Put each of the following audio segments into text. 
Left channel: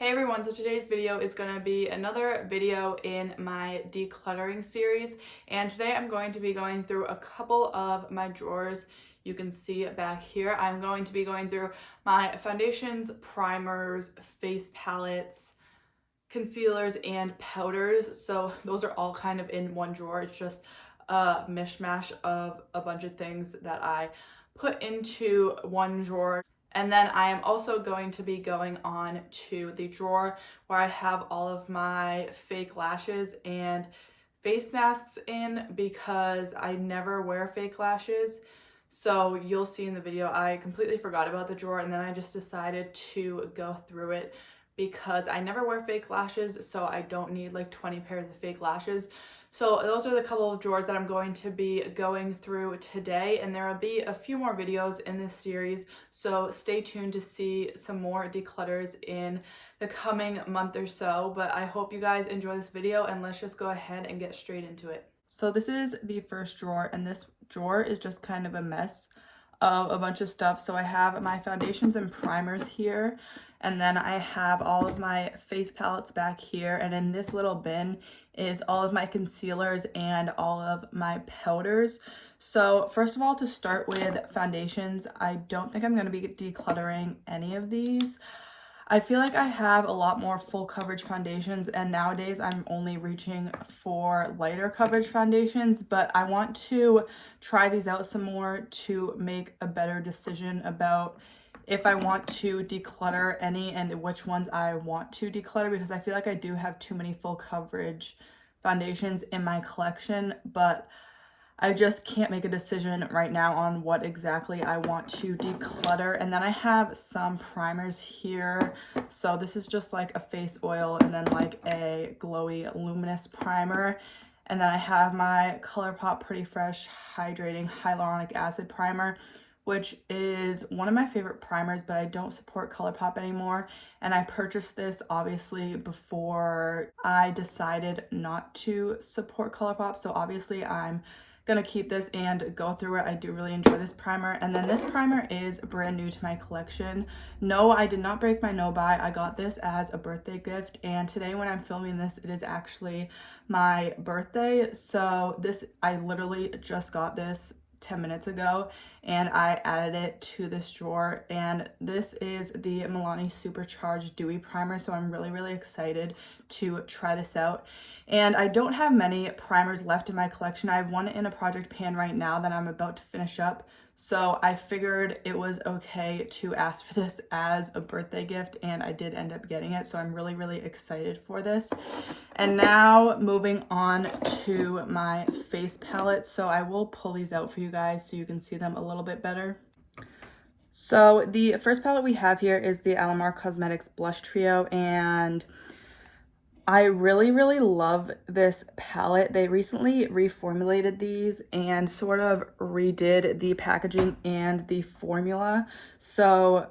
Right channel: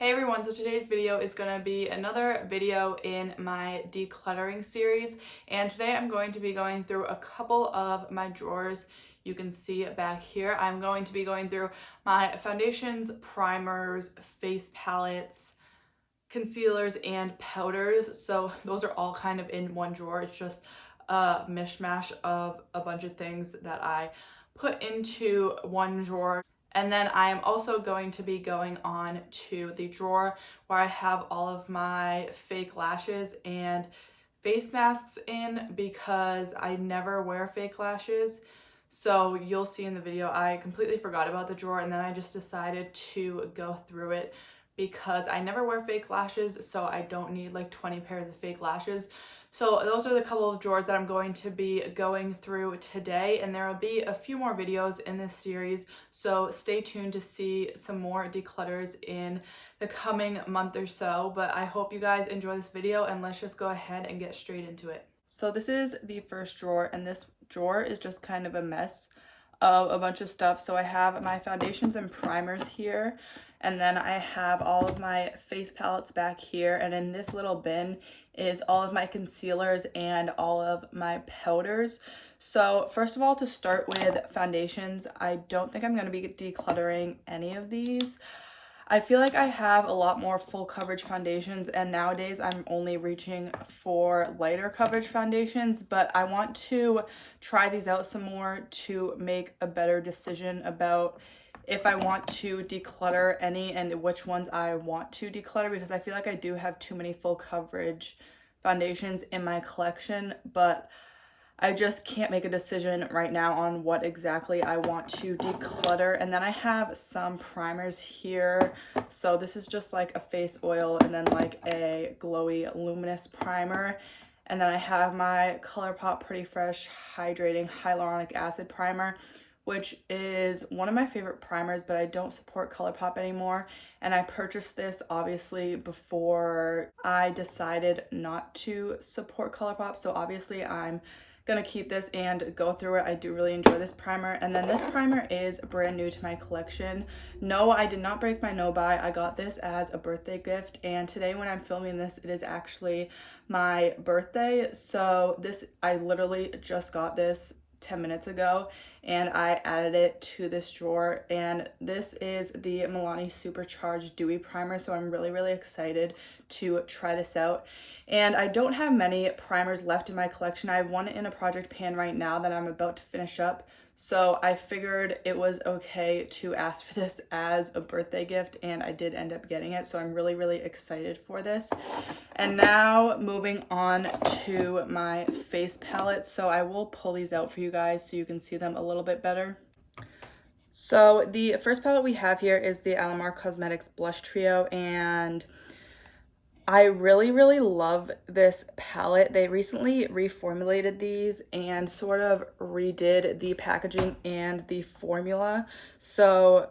Hey everyone, so today's video is going to be another video in my decluttering series, and today I'm going to be going through a couple of my drawers. You can see back here I'm going to be going through my foundations, primers, face palettes, concealers, and powders. So those are all kind of in one drawer. It's just a mishmash of a bunch of things that I put into one drawer. And then I am also going to be going on to the drawer where I have all of my fake lashes and face masks in, because I never wear fake lashes. So you'll see in the video, I completely forgot about the drawer, and then I just decided to go through it because I never wear fake lashes, so I don't need like 20 pairs of fake lashes. So those are the couple of drawers that I'm going to be going through today, and there will be a few more videos in this series, so stay tuned to see some more declutters in the coming month or so. But I hope you guys enjoy this video, and let's just go ahead and get straight into it. So this is the first drawer, and this drawer is just kind of a mess of a bunch of stuff. So I have my foundations and primers here, and then I have all of my face palettes back here, and in this little bin is all of my concealers and all of my powders. So first of all, to start with foundations, I don't think I'm going to be decluttering any of these. I feel like I have a lot more full coverage foundations, and nowadays I'm only reaching for lighter coverage foundations, but I want to try these out some more to make a better decision about if I want to declutter any and which ones I want to declutter, because I feel like I do have too many full coverage foundations in my collection, but I just can't make a decision right now on what exactly I want to declutter. And then I have some primers here. So this is just like a face oil and then like a glowy luminous primer. And then I have my ColourPop Pretty Fresh Hydrating Hyaluronic Acid Primer, which is one of my favorite primers, but I don't support ColourPop anymore. And I purchased this obviously before I decided not to support ColourPop. So obviously I'm gonna keep this and go through it. I do really enjoy this primer. And then this primer is brand new to my collection. No, I did not break my no buy. I got this as a birthday gift, and today when I'm filming this, it is actually my birthday. So this, I literally just got this 10 minutes ago, and I added it to this drawer. And this is the Milani Supercharged Dewy Primer, so I'm really excited to try this out. And I don't have many primers left in my collection. I have one in a project pan right now that I'm about to finish up, so I figured it was okay to ask for this as a birthday gift, and I did end up getting it, so I'm really excited for this. And now moving on to my face palettes. So I will pull these out for you guys so you can see them a little bit better. So the first palette we have here is the Alamar Cosmetics Blush Trio, and I really love this palette. They recently reformulated these and sort of redid the packaging and the formula. So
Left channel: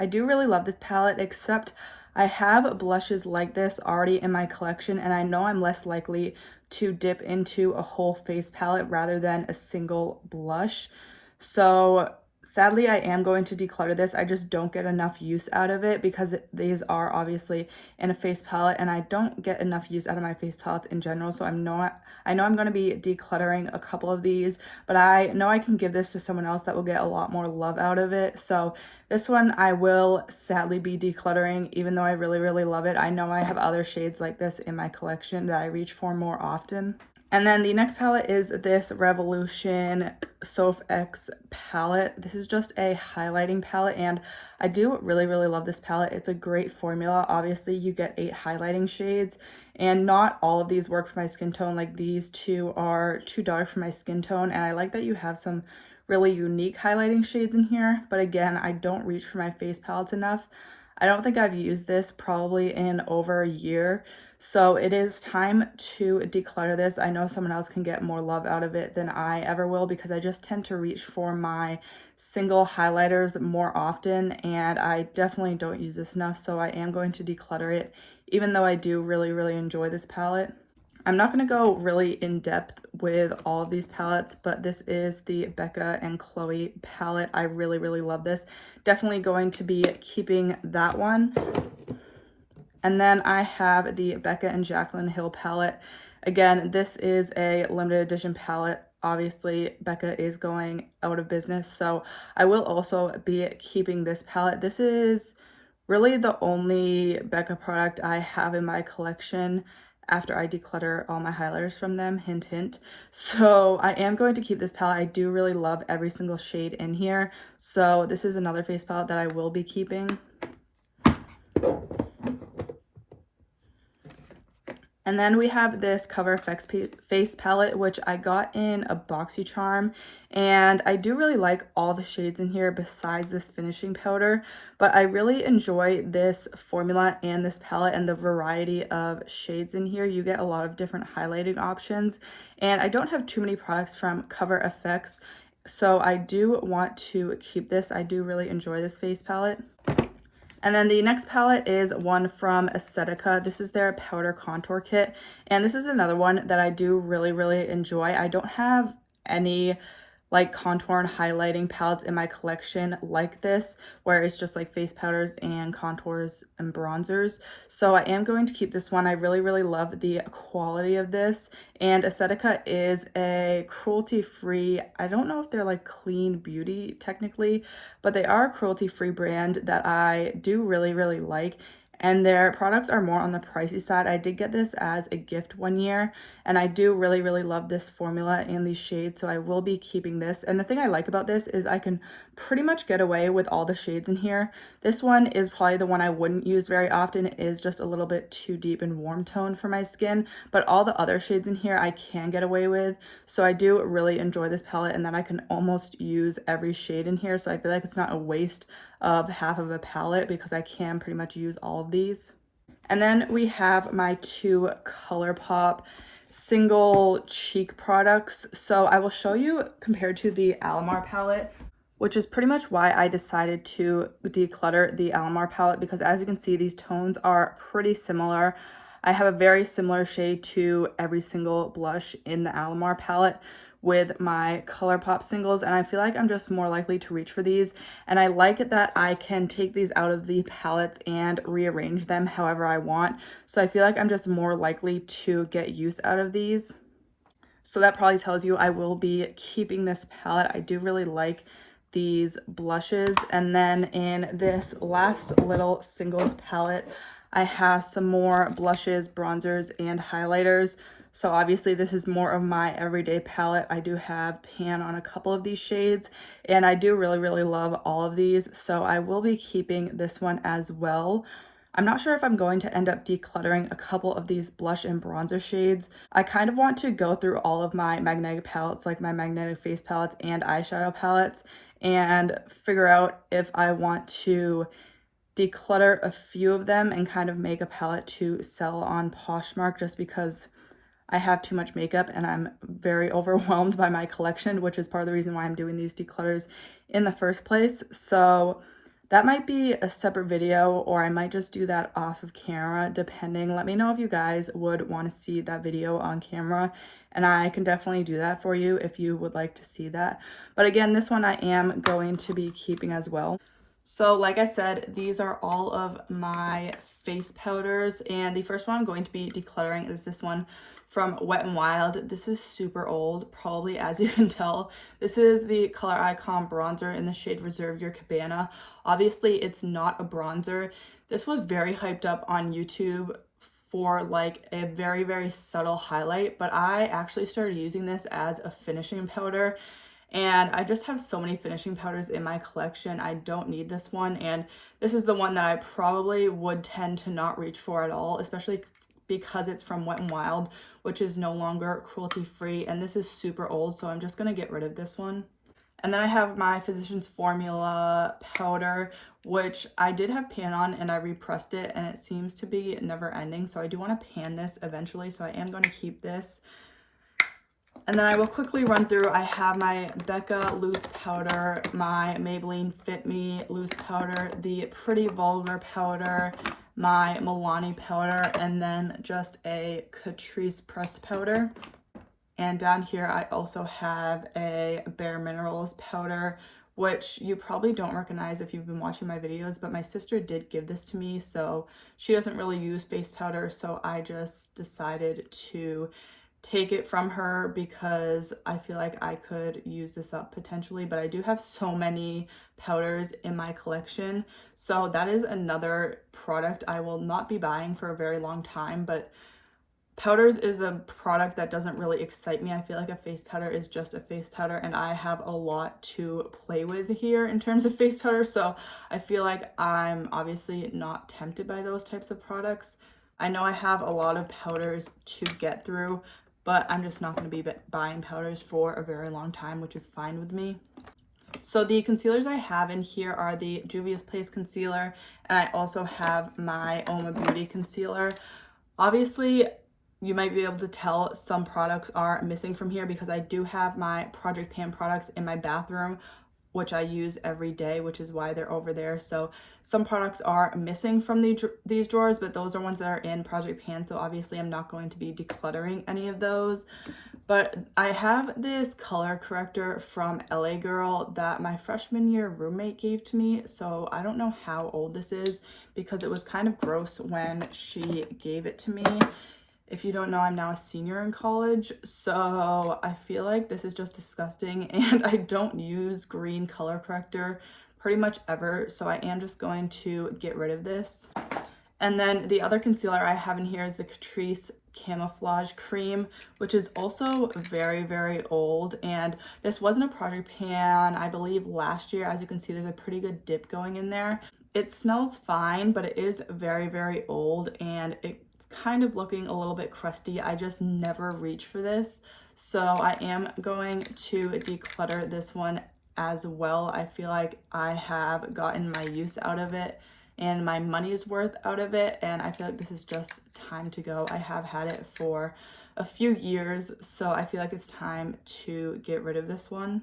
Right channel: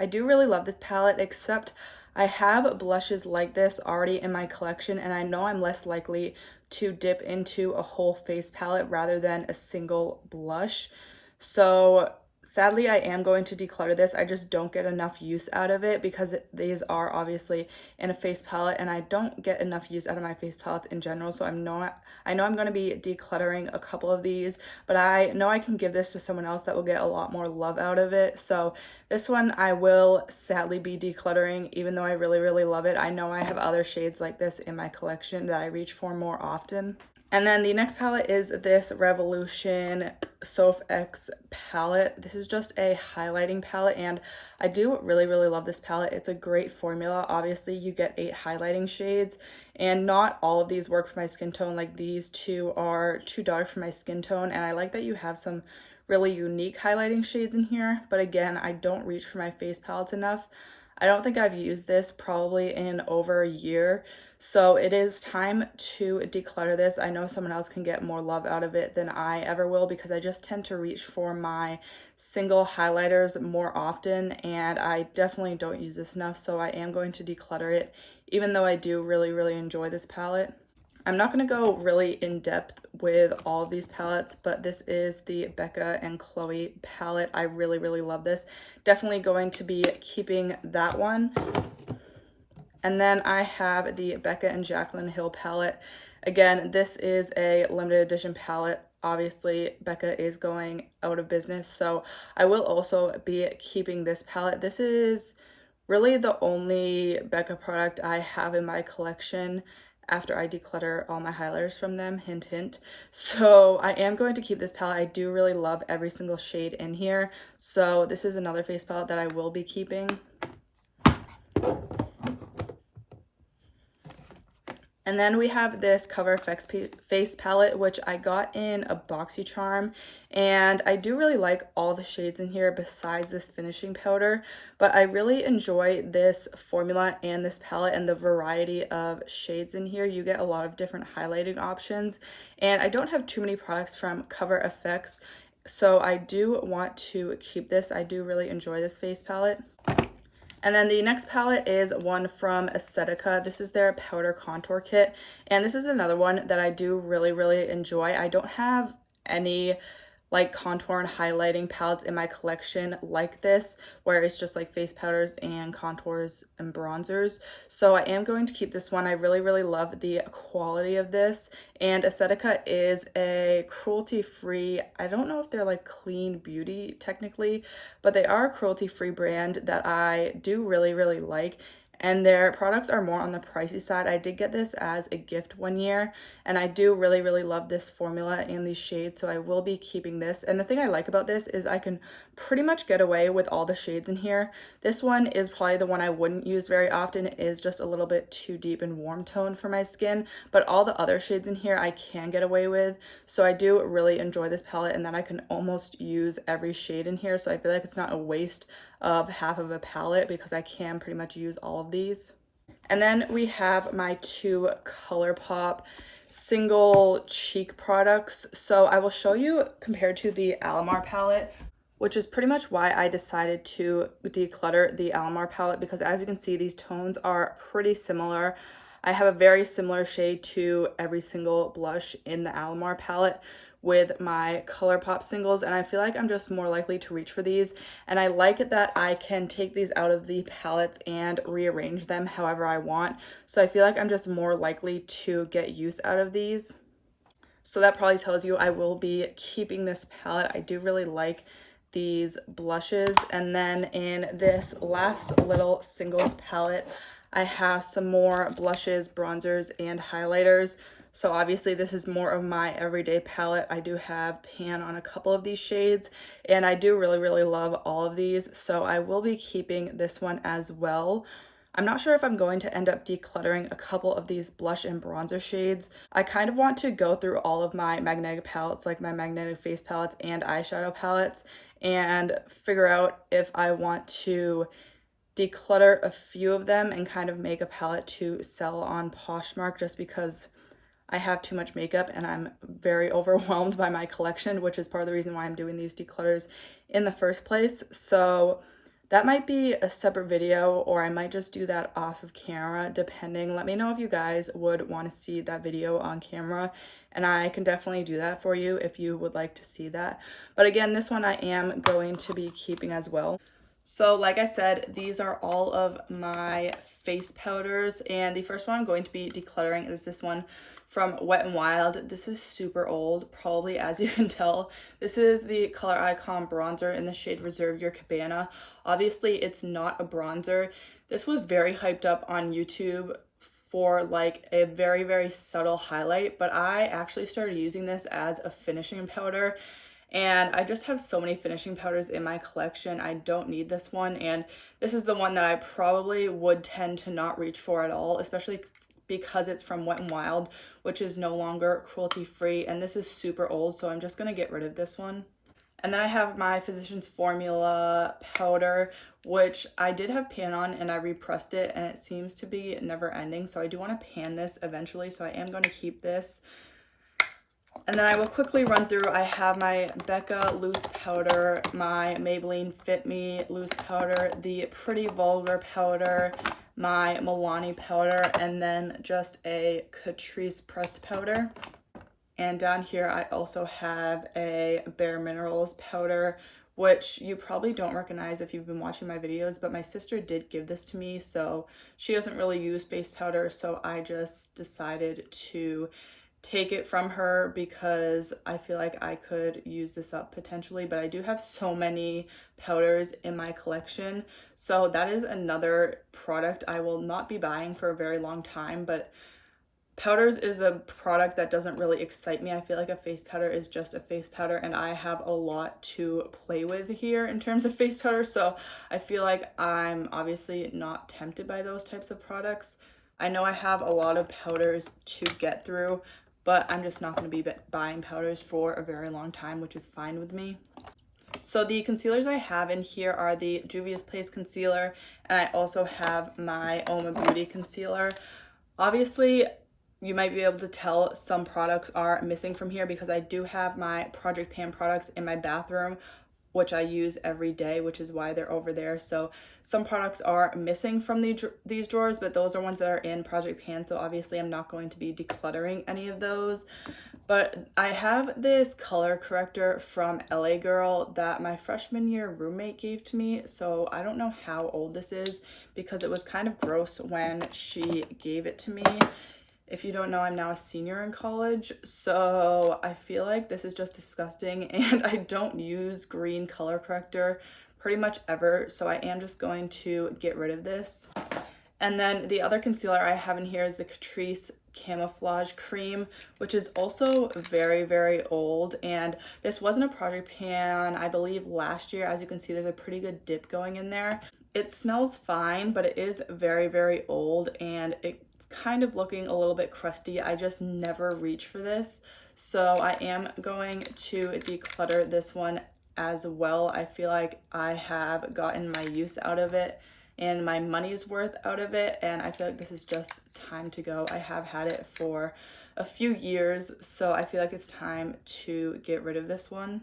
I do really love this palette, except I have blushes like this already in my collection, and I know I'm less likely to dip into a whole face palette rather than a single blush. So sadly, I am going to declutter this. I just don't get enough use out of it because these are obviously in a face palette, and I don't get enough use out of my face palettes in general. So I know I'm going to be decluttering a couple of these, but I know I can give this to someone else that will get a lot more love out of it. So this one I will sadly be decluttering, even though I really love it. I know I have other shades like this in my collection that I reach for more often. And then the next palette is this Revolution Sofax palette. This is just a highlighting palette, and I do really love this palette. It's a great formula. Obviously, you get 8 highlighting shades, and not all of these work for my skin tone. Like, these two are too dark for my skin tone, and I like that you have some really unique highlighting shades in here. But again, I don't reach for my face palettes enough. I don't think I've used this probably in over a year. So it is time to declutter this. I know someone else can get more love out of it than I ever will, because I just tend to reach for my single highlighters more often, and I definitely don't use this enough. So I am going to declutter it, even though I do really enjoy this palette. I'm not going to go really in depth with all of these palettes, but this is the Becca and Chloe palette. I really love this. Definitely going to be keeping that one. And then I have the Becca and Jaclyn Hill palette. Again, this is a limited edition palette. Obviously, Becca is going out of business, so I will also be keeping this palette. This is really the only Becca product I have in my collection after I declutter all my highlighters from them, hint hint. So I am going to keep this palette. I do really love every single shade in here, so this is another face palette that I will be keeping. And then we have this Cover FX face palette, which I got in a BoxyCharm, and I do really like all the shades in here besides this finishing powder, but I really enjoy this formula and this palette and the variety of shades in here. You get a lot of different highlighting options, and I don't have too many products from Cover FX, so I do want to keep this. I do really enjoy this face palette. And then the next palette is one from Aesthetica. This is their powder contour kit. And this is another one that I do really enjoy. I don't have any like contour and highlighting palettes in my collection like this, where it's just like face powders and contours and bronzers. So I am going to keep this one. I really love the quality of this. And Aesthetica is a cruelty-free, I don't know if they're like clean beauty technically, but they are a cruelty-free brand that I do really like. And their products are more on the pricey side. I did get this as a gift one year, and I do really love this formula and these shades, so I will be keeping this. And the thing I like about this is I can pretty much get away with all the shades in here. This one is probably the one I wouldn't use very often. It is just a little bit too deep and warm tone for my skin, but all the other shades in here I can get away with. So I do really enjoy this palette, and then I can almost use every shade in here, so I feel like it's not a waste of half of a palette because I can pretty much use all of these. And then we have my two ColourPop single cheek products. So I will show you compared to the Alamar palette, which is pretty much why I decided to declutter the Alamar palette, because as you can see, these tones are pretty similar. I have a very similar shade to every single blush in the Alamar palette with my ColourPop singles, and I feel like I'm just more likely to reach for these. And I like it that I can take these out of the palettes and rearrange them however I want. So I feel like I'm just more likely to get use out of these. So that probably tells you I will be keeping this palette. I do really like these blushes. And then in this last little singles palette, I have some more blushes, bronzers, and highlighters. So obviously this is more of my everyday palette. I do have pan on a couple of these shades, and I do really love all of these. So I will be keeping this one as well. I'm not sure if I'm going to end up decluttering a couple of these blush and bronzer shades. I kind of want to go through all of my magnetic palettes, like my magnetic face palettes and eyeshadow palettes, and figure out if I want to declutter a few of them and kind of make a palette to sell on Poshmark, just because I have too much makeup and I'm very overwhelmed by my collection, which is part of the reason why I'm doing these declutters in the first place. So that might be a separate video, or I might just do that off of camera, depending. Let me know if you guys would want to see that video on camera, and I can definitely do that for you if you would like to see that. But again, this one I am going to be keeping as well. So like I said, these are all of my face powders, and the first one I'm going to be decluttering is this one from Wet n Wild. This is super old, probably, as you can tell. This is the Color Icon bronzer in the shade Reserve Your Cabana. Obviously, it's not a bronzer. This was very hyped up on YouTube for like a very subtle highlight, but I actually started using this as a finishing powder. And I just have so many finishing powders in my collection. I don't need this one, and this is the one that I probably would tend to not reach for at all, especially because it's from Wet n Wild, which is no longer cruelty free, and this is super old, so I'm just gonna get rid of this one. And then I have my Physicians Formula powder, which I did have pan on and I repressed it, and it seems to be never ending, so I do want to pan this eventually, so I am going to keep this. And then I will quickly run through. I have my Becca loose powder, my Maybelline Fit Me loose powder, the Pretty Vulgar powder, my Milani powder, and then just a Catrice pressed powder. And down here I also have a Bare Minerals powder which you probably don't recognize if you've been watching my videos, but my sister did give this to me. So she doesn't really use face powder, so I just decided to take it from her because I feel like I could use this up potentially, but I do have so many powders in my collection. So that is another product I will not be buying for a very long time, but powders is a product that doesn't really excite me. I feel like a face powder is just a face powder, and I have a lot to play with here in terms of face powder, so I feel like I'm obviously not tempted by those types of products. I know I have a lot of powders to get through, but I'm just not going to be buying powders for a very long time, which is fine with me. So the concealers I have in here are the Juvia's Place concealer, and I also have my Oma Beauty concealer. Obviously, you might be able to tell some products are missing from here because I do have my Project Pan products in my bathroom, which I use every day, which is why they're over there. So some products are missing from these drawers, but those are ones that are in Project Pan. So obviously I'm not going to be decluttering any of those. But I have this color corrector from LA Girl that my freshman year roommate gave to me. So I don't know how old this is because it was kind of gross when she gave it to me. If you don't know, I'm now a senior in college, so I feel like this is just disgusting, and I don't use green color corrector pretty much ever, so I am just going to get rid of this. And then the other concealer I have in here is the Catrice Camouflage Cream, which is also very, very old, and this wasn't a Project Pan, I believe, last year. As you can see, there's a pretty good dip going in there. It smells fine, but it is very, very old, and it's kind of looking a little bit crusty. I just never reach for this, so I am going to declutter this one as well. I feel like I have gotten my use out of it and my money's worth out of it, and I feel like this is just time to go. I have had it for a few years, so I feel like it's time to get rid of this one.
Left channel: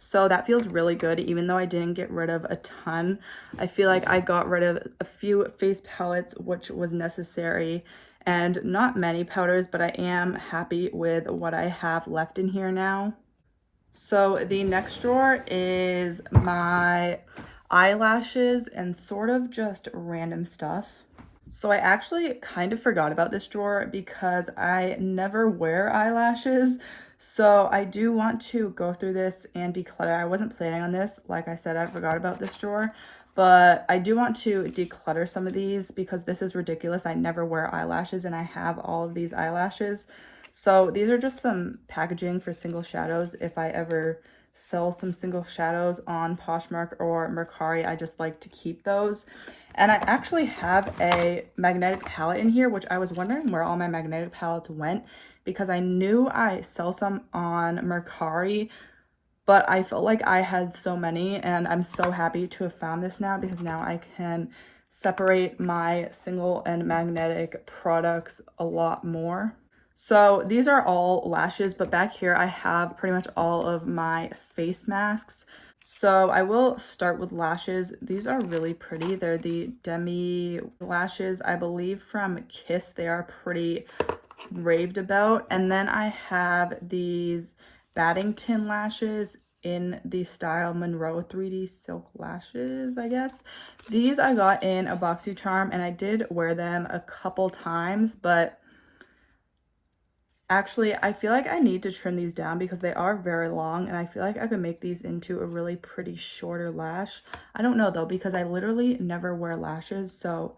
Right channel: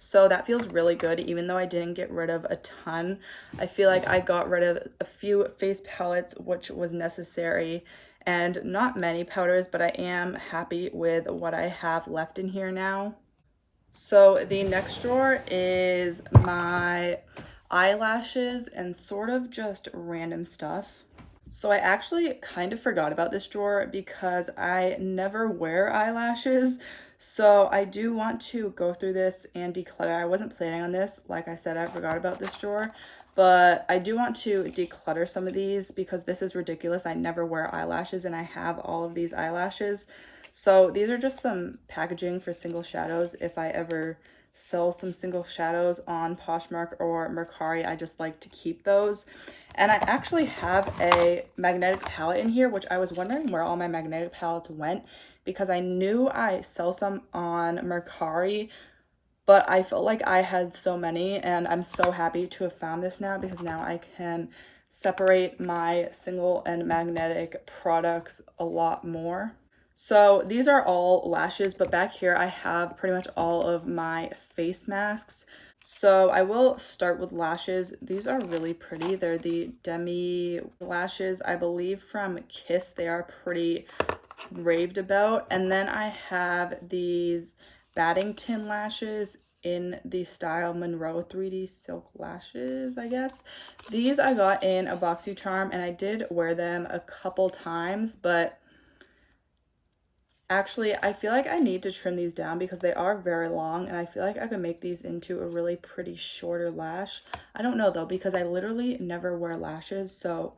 So that feels really good, even though I didn't get rid of a ton. I feel like I got rid of a few face palettes, which was necessary, and not many powders, but I am happy with what I have left in here now. So the next drawer is my eyelashes and sort of just random stuff. So I actually kind of forgot about this drawer because I never wear eyelashes. So I do want to go through this and declutter. I wasn't planning on this. Like I said, I forgot about this drawer, but I do want to declutter some of these because this is ridiculous. I never wear eyelashes and I have all of these eyelashes. So these are just some packaging for single shadows. If I ever sell some single shadows on Poshmark or Mercari, I just like to keep those. And I actually have a magnetic palette in here, which I was wondering where all my magnetic palettes went because I knew I sell some on Mercari, but I felt like I had so many, and I'm so happy to have found this now because now I can separate my single and magnetic products a lot more. So these are all lashes, but back here I have pretty much all of my face masks. So I will start with lashes. These are really pretty. They're the Demi lashes, I believe from Kiss. They are pretty raved about. And then I have these Baddington lashes in the style Monroe 3D silk lashes, I guess. These I got in a BoxyCharm and I did wear them a couple times, but actually, I feel like I need to trim these down because they are very long, and I feel like I could make these into a really pretty shorter lash. I don't know though, because I literally never wear lashes, so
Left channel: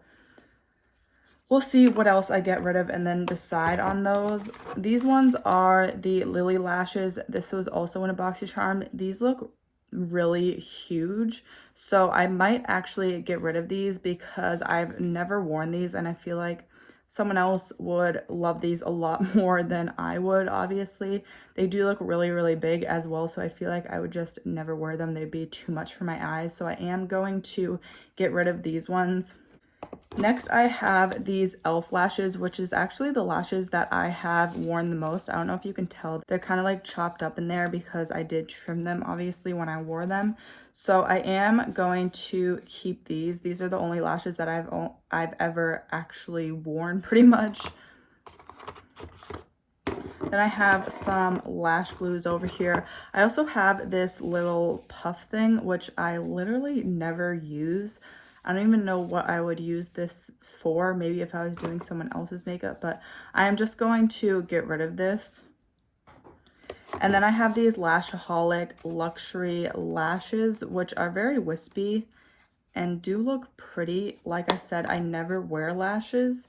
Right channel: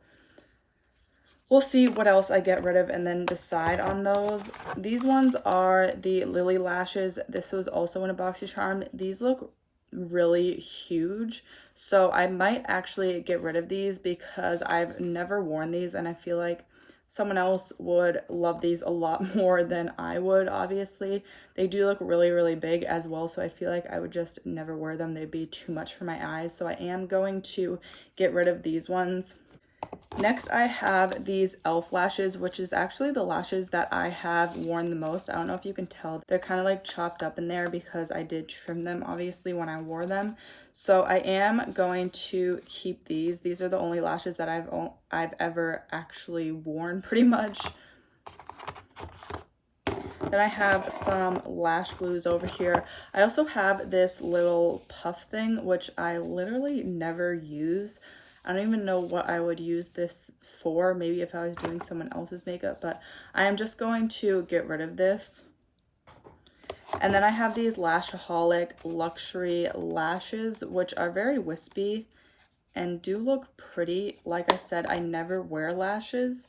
we'll see what else I get rid of and then decide on those. These ones are the Lily lashes. This was also in a BoxyCharm. These look really huge, so I might actually get rid of these because I've never worn these, and I feel like someone else would love these a lot more than I would, obviously. They do look really, really big as well, so I feel like I would just never wear them. They'd be too much for my eyes, so I am going to get rid of these ones. Next, I have these e.l.f. lashes, which is actually the lashes that I have worn the most. I don't know if you can tell. They're kind of like chopped up in there because I did trim them, obviously, when I wore them. So I am going to keep these. These are the only lashes that I've ever actually worn, pretty much. Then I have some lash glues over here. I also have this little puff thing, which I literally never use. I don't even know what I would use this for, maybe if I was doing someone else's makeup, but I am just going to get rid of this. And then I have these Lashaholic luxury lashes, which are very wispy and do look pretty. Like I said, I never wear lashes.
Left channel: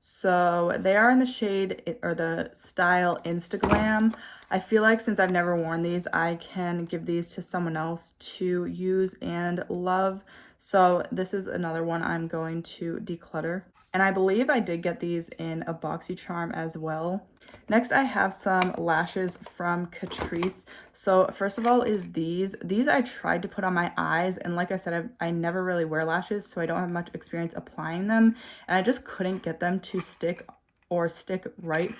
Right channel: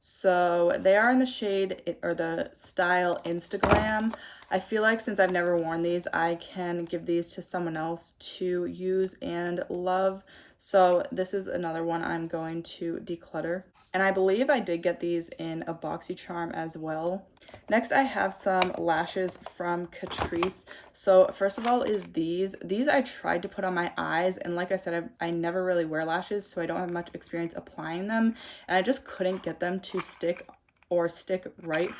So they are in the shade or the style Instagram. I feel like since I've never worn these, I can give these to someone else to use and love. So this is another one I'm going to declutter. And I believe I did get these in a BoxyCharm as well. Next, I have some lashes from Catrice. So first of all is these. These I tried to put on my eyes, and like I said, I never really wear lashes, so I don't have much experience applying them, and I just couldn't get them to stick right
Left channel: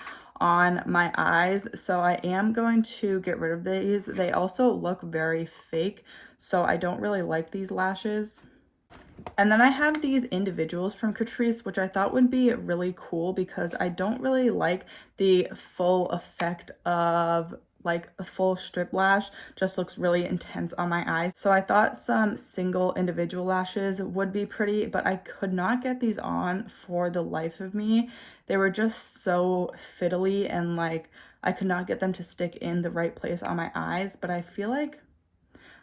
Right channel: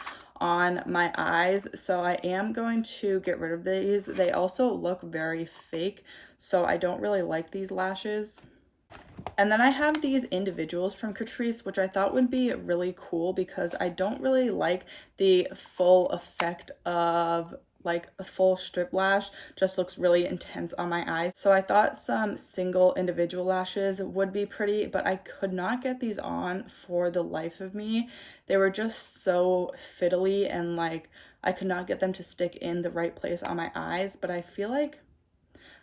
on my eyes. So I am going to get rid of these. They also look very fake, so I don't really like these lashes. And then I have these individuals from Catrice, which I thought would be really cool because I don't really like the full effect of like a full strip lash. Just looks really intense on my eyes. So I thought some single individual lashes would be pretty, but I could not get these on for the life of me. They were just so fiddly and like I could not get them to stick in the right place on my eyes, but I feel like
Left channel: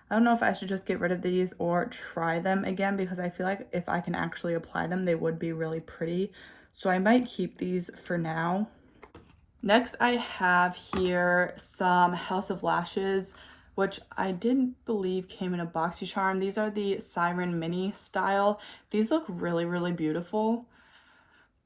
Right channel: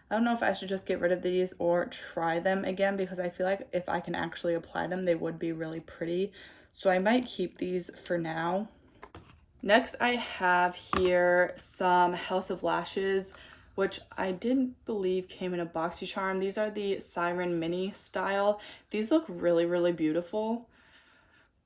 I don't know if I should just get rid of these or try them again because I feel like if I can actually apply them, they would be really pretty. So I might keep these for now. Next, I have here some House of Lashes, which I didn't believe came in a BoxyCharm. These are the Siren Mini style. These look really, really beautiful.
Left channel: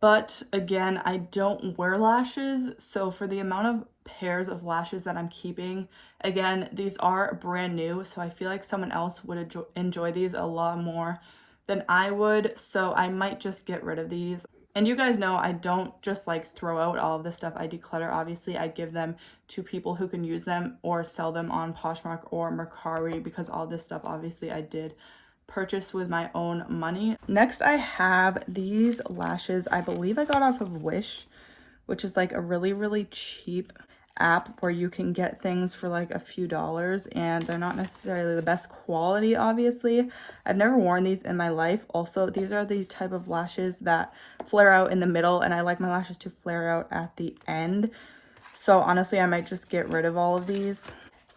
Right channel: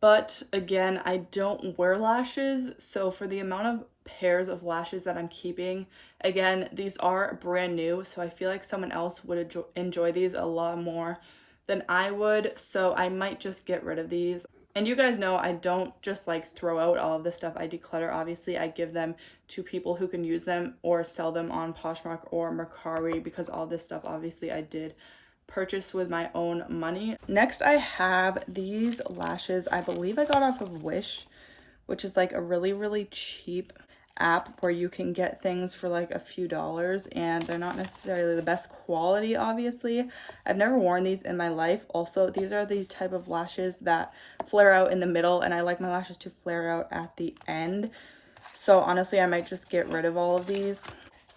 But again, I don't wear lashes, so for the amount of pairs of lashes that I'm keeping, again, these are brand new, so I feel like someone else would enjoy these a lot more than I would, so I might just get rid of these. And you guys know I don't just like throw out all of the stuff I declutter. Obviously, I give them to people who can use them or sell them on Poshmark or Mercari because all this stuff obviously I did purchase with my own money. Next, I have these lashes. I believe I got off of Wish, which is like a really, really cheap app where you can get things for like a few dollars and they're not necessarily the best quality, obviously. I've never worn these in my life. Also, these are the type of lashes that flare out in the middle and I like my lashes to flare out at the end. So honestly, I might just get rid of all of these.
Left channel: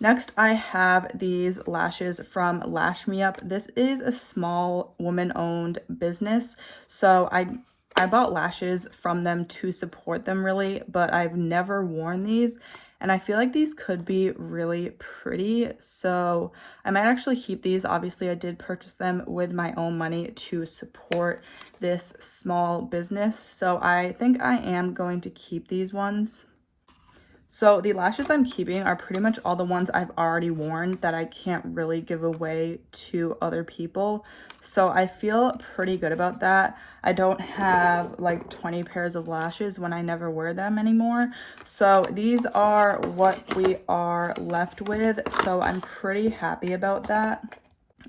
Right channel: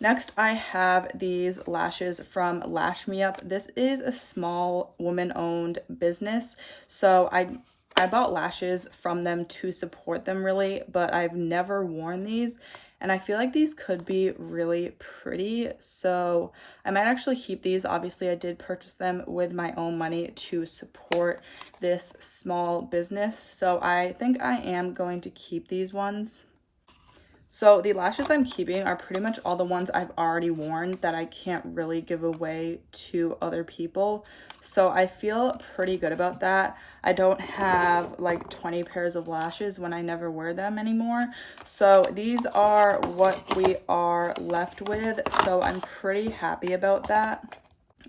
Next, I have these lashes from Lash Me Up. This is a small woman-owned business, so I bought lashes from them to support them really, but I've never worn these, and I feel like these could be really pretty, so I might actually keep these. Obviously, I did purchase them with my own money to support this small business, so I think I am going to keep these ones. So the lashes I'm keeping are pretty much all the ones I've already worn that I can't really give away to other people. So I feel pretty good about that. I don't have like 20 pairs of lashes when I never wear them anymore. So these are what we are left with. So I'm pretty happy about that.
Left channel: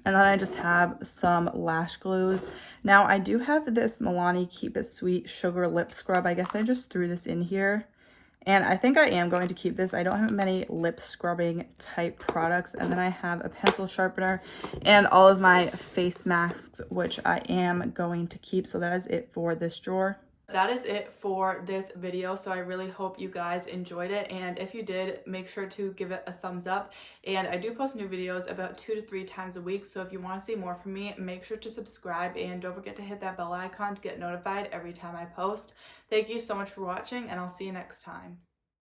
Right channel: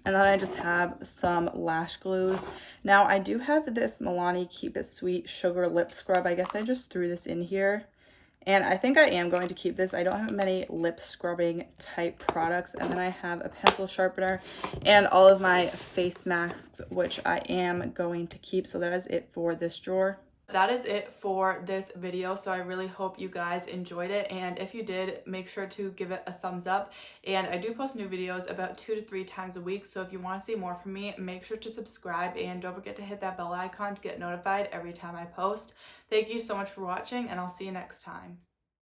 And then I just have some lash glues. Now I do have this Milani Keep It Sweet Sugar Lip Scrub. I guess I just threw this in here. And I think I am going to keep this. I don't have many lip scrubbing type products. And then I have a pencil sharpener and all of my face masks, which I am going to keep. So that is it for this drawer. That is it for this video, so I really hope you guys enjoyed it, and if you did, make sure to give it a thumbs up. And I do post new videos about 2 to 3 times a week, so if you want to see more from me, make sure to subscribe and don't forget to hit that bell icon to get notified every time I post. Thank you so much for watching, and I'll see you next time.